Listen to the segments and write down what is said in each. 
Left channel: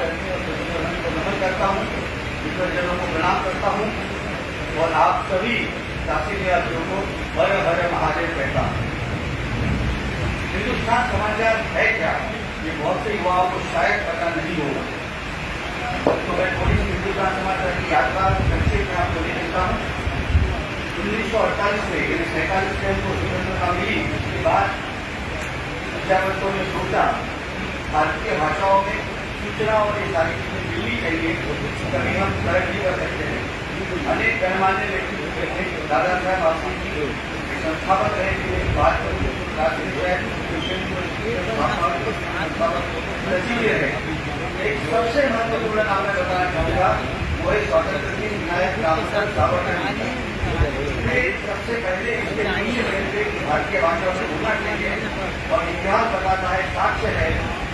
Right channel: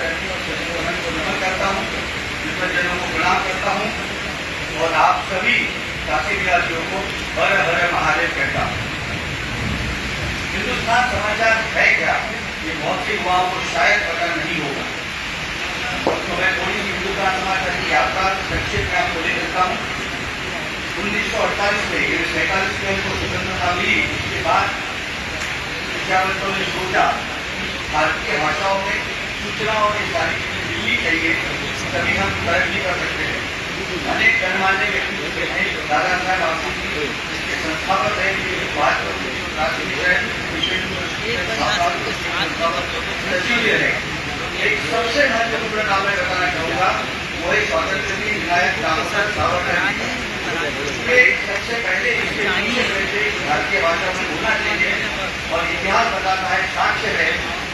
माताजी और सचिवों को नमन करता हूँ, विद्वजनों को प्रणाम करता हूँ और आप सभी काशी निवासियों को हर हर महादेव कहता हूँ। हिंदुस्तान समाचार है क्या, ये बहुत से युवाओं को शायद पता नहीं होगा, तो मैं थोड़ी सी हिंदुस्तान समाचार की यात्रा संक्षेप में आपको ले देता हूँ। 1948 में 47 में को स्वतंत्रता मिली, उसके बाद विद्यावंतों ने सोचा भारतीय भाषाओं में सूचना और ये सारी चीजें मिलनी चाहिए, तभी हम तरक्की कर सकते हैं। अनेक गणमान्य व्यक्ति थे, दादा साहब आफरीदी संस्थापक रहे, सचिव रहे। एक सबसे महत्वपूर्ण नाम मैं बताना चाहूँगा, वो है स्वतंत्र विनायक रामचंद्र सावरकर। सबसे पहले भारतीय भाषा में बोलना चाहिए और इतिहास बताता है, साक्ष्य है,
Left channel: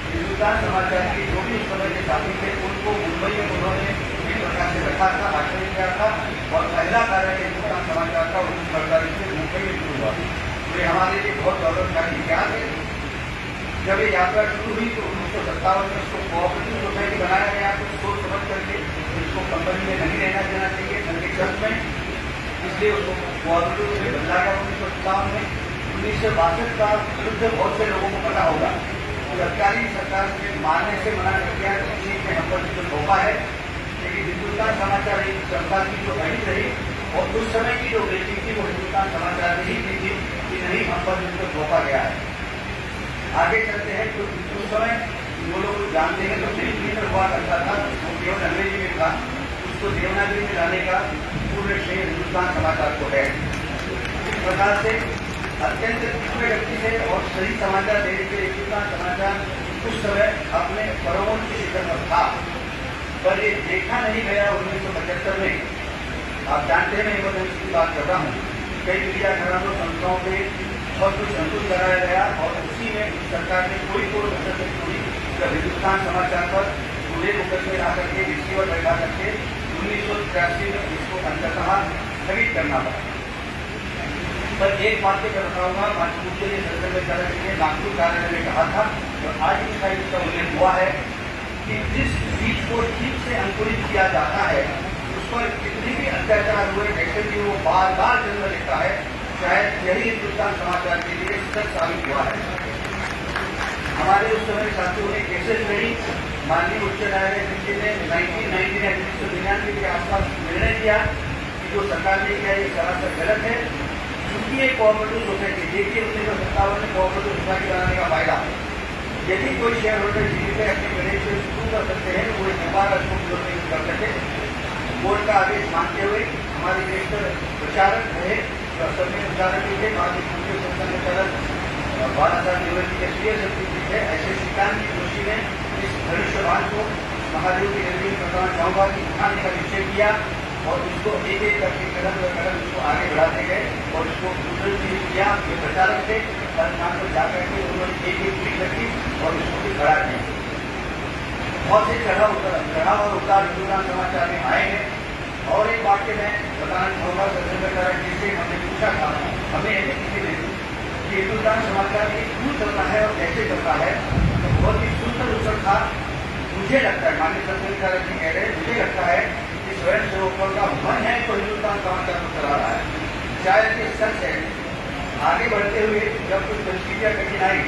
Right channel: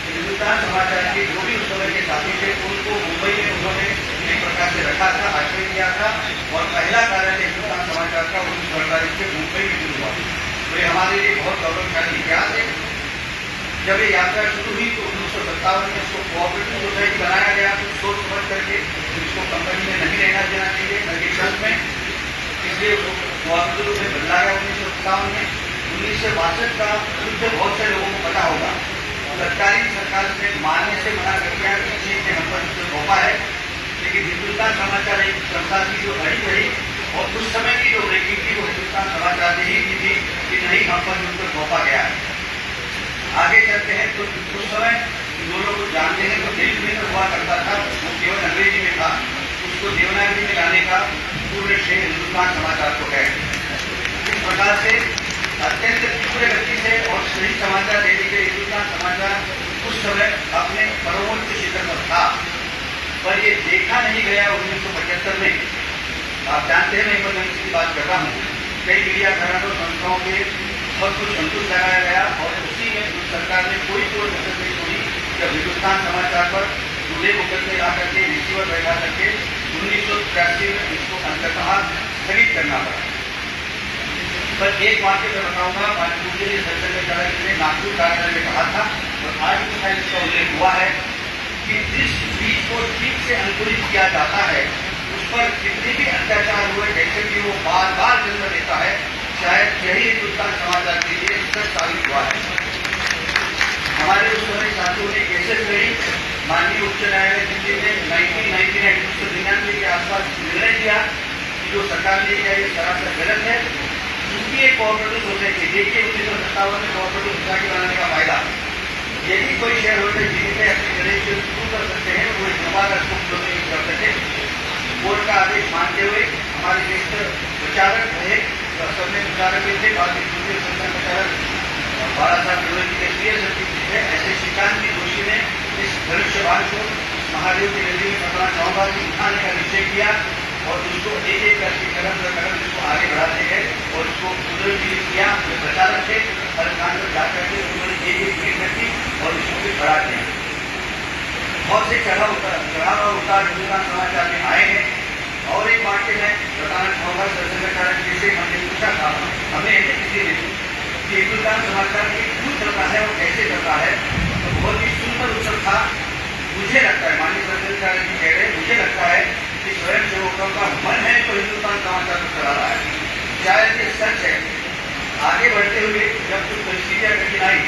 हिंदुस्तान समाचार के जो भी उस समय के साथी थे उनको मुंबई में उन्होंने एक प्रकार से रखा था, आश्रय किया था और पहला कार्यालय हिंदुस्तान समाचार का 1948 में मुंबई में शुरू हुआ। तो ये हमारे लिए बहुत गौरवशाली इतिहास है। जब ये यात्रा शुरू हुई तो 1957 में इसको कोऑपरेटिव सोसाइटी बनाया गया, तो सोच समझ करके इसको कंपनी में नहीं रहना देना चाहिए, बल्कि ट्रस्ट में, इसलिए उसको कोऑपरेटिव में बदला गया 1957 में। 1962 का युद्ध बहुत से लोगों को पता होगा, तत्कालीन सरकार ने मानने से मना कर दिया कि चीन ने हम पर उसको सौंपा है, लेकिन हिंदुस्तान समाचार एक संस्था की जो अड़ी रही और उस समय की जो ब्रेकिंग थी वो हिंदुस्तान समाचार ने ही की थी कि नहीं, हम पर उसको सौंपा गया है। आगे चलते हैं तो उस समय जो लोग जानते हैं तो दिल्ली में हुआ करता था, वो केवल अंग्रेजी में था, उसको देवनागरी में लाने का पूर्ण श्रेय हिंदुस्तान समाचार को है। इस प्रकार से अत्यंत तीव्र गति से और सही समाचार देने के हिंदुस्तान समाचार उस समय अपने परमोच्च शिखर पर था, पर ये देखा नहीं गया 1975 में। आप जानते हैं मैं इमरजेंसी की बात कर रहा हूँ, कई मीडिया घरानों संस्थाओं पे बहुत कुछ अंकुश लगाया गया और उसी में सरकार ने कोई कसर नहीं छोड़ी जब हिंदुस्तान समाचार पर खुले मुकदमे ला करके रिसीवर बैठा करके 1983 में इसको अंततः स्थगित करना पड़ा। पर एक बात मैं बताऊंगा, पूछे ने नागपुर कार्यालय में कहा था और आज भी शायद इसका उल्लेख हुआ है कि जिस बीज को ठीक से अंकुरित किया जाता है उस पर कितने भी अत्याचार हुए, जैसे कि वो बार बार जन्म लेता है, शायद यही हिंदुस्तान समाचार के लिए सच साबित हुआ है। हमारे उस समय साथियों ने केसेस लड़ी, माननीय उच्च न्यायालय दिल्ली ने 1999 के आसपास निर्णय दिया कि जो सरकार ने किया ये सरासर गलत है। क्योंकि एक कोऑपरेटिव सोसाइटी, देखिए 1957 में कोऑपरेटिव सोसाइटी बनाने का फायदा, यदि कोई शेयर होल्डर जीवित है अपनी गणेश शुरू कर सकते हैं, वो एक बार उसको यूज कर सके। कोर्ट का आदेश मानते हुए हमारे बेहतर प्रचारक रहे, सबने प्रचारक भी थे, बाद में प्रचारक 12 साल यूनिवर्सिटी के क्लियर सर्टिफिकेट है, ऐसे श्रीकांत की दोषी ने इस भविष्यवाण को महादेव की नगरी में बताना चाहूँगा कि उठाने का निश्चय किया और इसको एक एक करके कदम दर कदम इसको आगे बढ़ाते गए और इसको पुनर्जीवित किया। जो प्रचारक थे हर स्थान पर जाकर के उन्होंने एक एक भीड़ रखी और इसको भी बढ़ा दिया। बहुत से चढ़ाव और उतार हिंदुस्तान समाचार में आए हैं। और एक बात मैं बताना चाहूँगा, सरकार जिसे हमने पूछा था, हमने ऐसे किसी ने कि हिंदुस्तान समाचार की क्यों चलता है और कैसे चलता है, तो बहुत ही सुंदर उत्तर था। मुझे लगता है, माननीय सरकार जी कह रहे, मुझे लगता है कि स्वयं सेवकों का मन है तो हिंदुस्तान समाचार को चला रहा है। शायद ये सच है। आगे बढ़ते हुए जब कुछ परिस्थितियाँ कठिन आई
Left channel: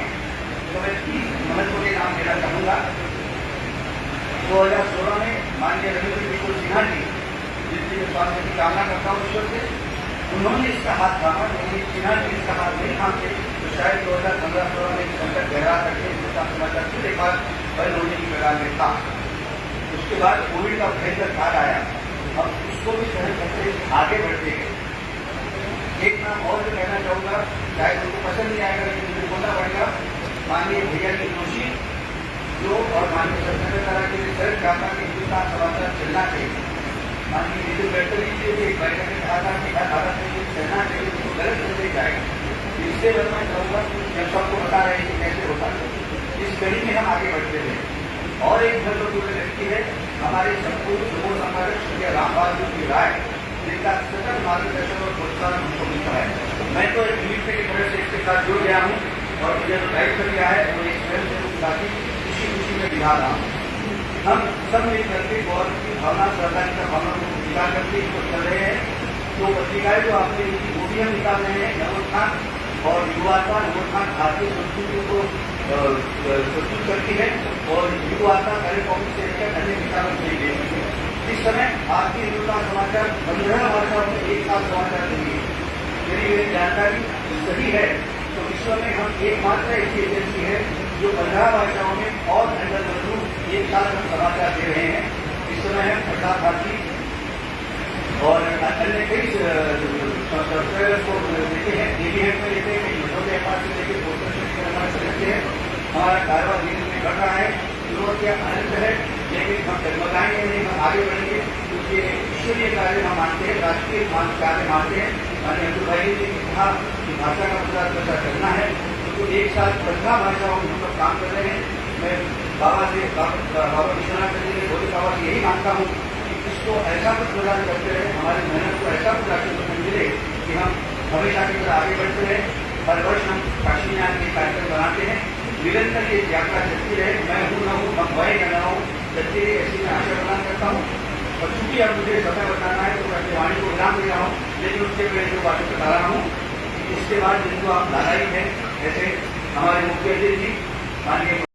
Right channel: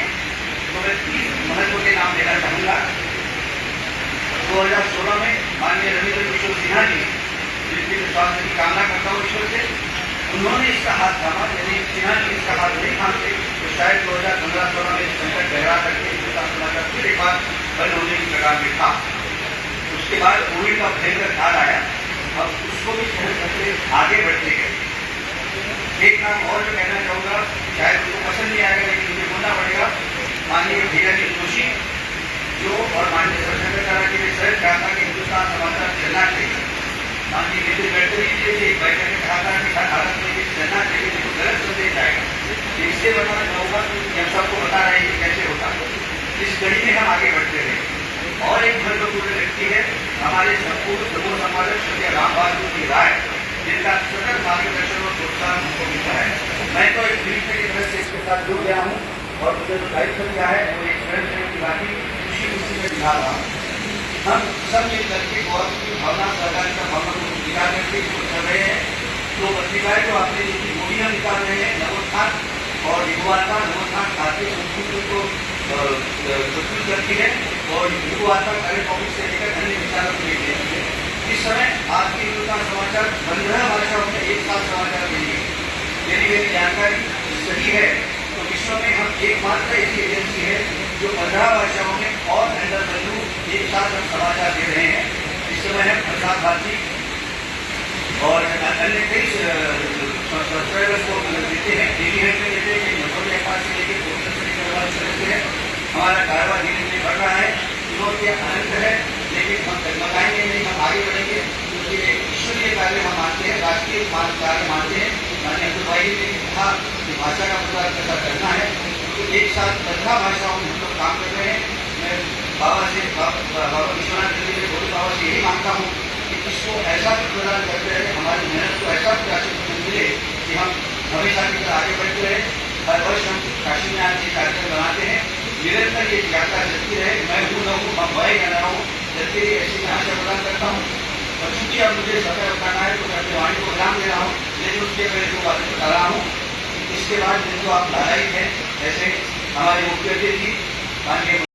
तो मैं 3 महत्व के नाम लेना चाहूँगा। 2016 में माननीय रविंद्र किशोर सिन्हा जी, जिनके स्वास्थ्य की कामना करता हूँ ईश्वर से, उन्होंने इसका हाथ थामा। यदि सिन्हा जी इसका हाथ नहीं थामते तो शायद 2015-16 में संकट गहरा करके हिंदुस्तान समाचार फिर एक बार बंद होने की कगार में था। उसके बाद कोविड का भयंकर काल आया, अब उसको भी सहन करते आगे बढ़ते गए। एक नाम और जो कहना चाहूँगा, शायद उनको पसंद नहीं आएगा लेकिन मुझे बोलना पड़ेगा, माननीय भैया जी जोशी जो और माननीय सरकार के लिए सर चाहता कि हिंदुस्तान समाचार चलना चाहिए। माननीय नितिन गडकरी जी ने एक बैठक में कहा था कि भारत में ये चलना चाहिए, देखो गलत संदेश जाएगा। इससे बताना चाहूँगा कि हम सबको बता रहे हैं कि कैसे होता है। इस कड़ी में हम आगे बढ़ते रहे। और एक महत्वपूर्ण व्यक्ति है हमारे संपूर्ण समूह संपादक श्री राम बहादुर की राय, जिनका सतत मार्गदर्शन और प्रोत्साहन हमको मिलता है। मैं तो एक मित्र की तरह से इसके साथ जुड़ गया हूँ और मुझे जो दायित्व दिया है वो एक स्वयं की बाकी खुशी में दिखा रहा हूँ। हम सब मिल करके गौरव की भावना, सहकारी का भावना को स्वीकार करके इसको चल रहे हैं। तो पत्रिकाएं जो आपने जिनकी मूवियाँ निकाल रहे हैं, नवोत्थान और युवाता, नवोत्थान भारतीय संस्कृति को प्रस्तुत करती है और युवाता कार्य कॉमिक से लेकर अन्य विचारों के लिए देती है। इस समय आपकी हिंदुस्तान समाचार 15 भाषाओं में एक साथ समाचार देंगे। यदि मेरी जानकारी सही है तो विश्व में हम एकमात्र ऐसी एजेंसी है जो 15 भाषाओं में और अंडर वैल्यू एक साथ हम समाचार दे रहे हैं। इस समय हम प्रसार भारती और अन्य कई सब्सक्राइबर्स को देते हैं, डेली हेल्थ में देते हैं, नजर व्यापार से लेकर पोस्टर से लेकर अलग से देते हैं। हमारा कारोबार धीरे धीरे बढ़ रहा है, चुनौती अनंत है, लेकिन हम डगमगाएंगे नहीं, हम आगे बढ़ेंगे क्योंकि ईश्वरीय कार्य हम मानते हैं, राष्ट्रीय कार्य मानते हैं। अमित भाई ने कहा कि भाषा का प्रचार प्रसार करना है, तो एक साथ 15 भाषाओं में हम लोग काम कर रहे हैं। मैं बाबा विश्वनाथ जी के छोटे बाबा से यही मांगता हूँ कि इसको ऐसा कुछ प्रदान करते रहे, हमारी मेहनत को ऐसा कुछ आशीर्वाद मिले कि हम हमेशा की तरह आगे बढ़ते रहे। हर वर्ष हम काशी में आके कार्यक्रम बनाते हैं, निरंतर ये यात्रा चलती रहे। मैं हूँ न हूँ, हम भय न हूँ, चलती रही, ऐसी मैं आशा प्रदान करता हूँ। और चूंकि अब मुझे समय बताना है तो मैं अपनी वाणी को विराम दे रहा हूँ, लेकिन उसके पहले जो बातें बता रहा हूँ, इसके बाद जिनको आप लालायित हैं, ऐसे हमारे मुख्यमंत्री जी माननीय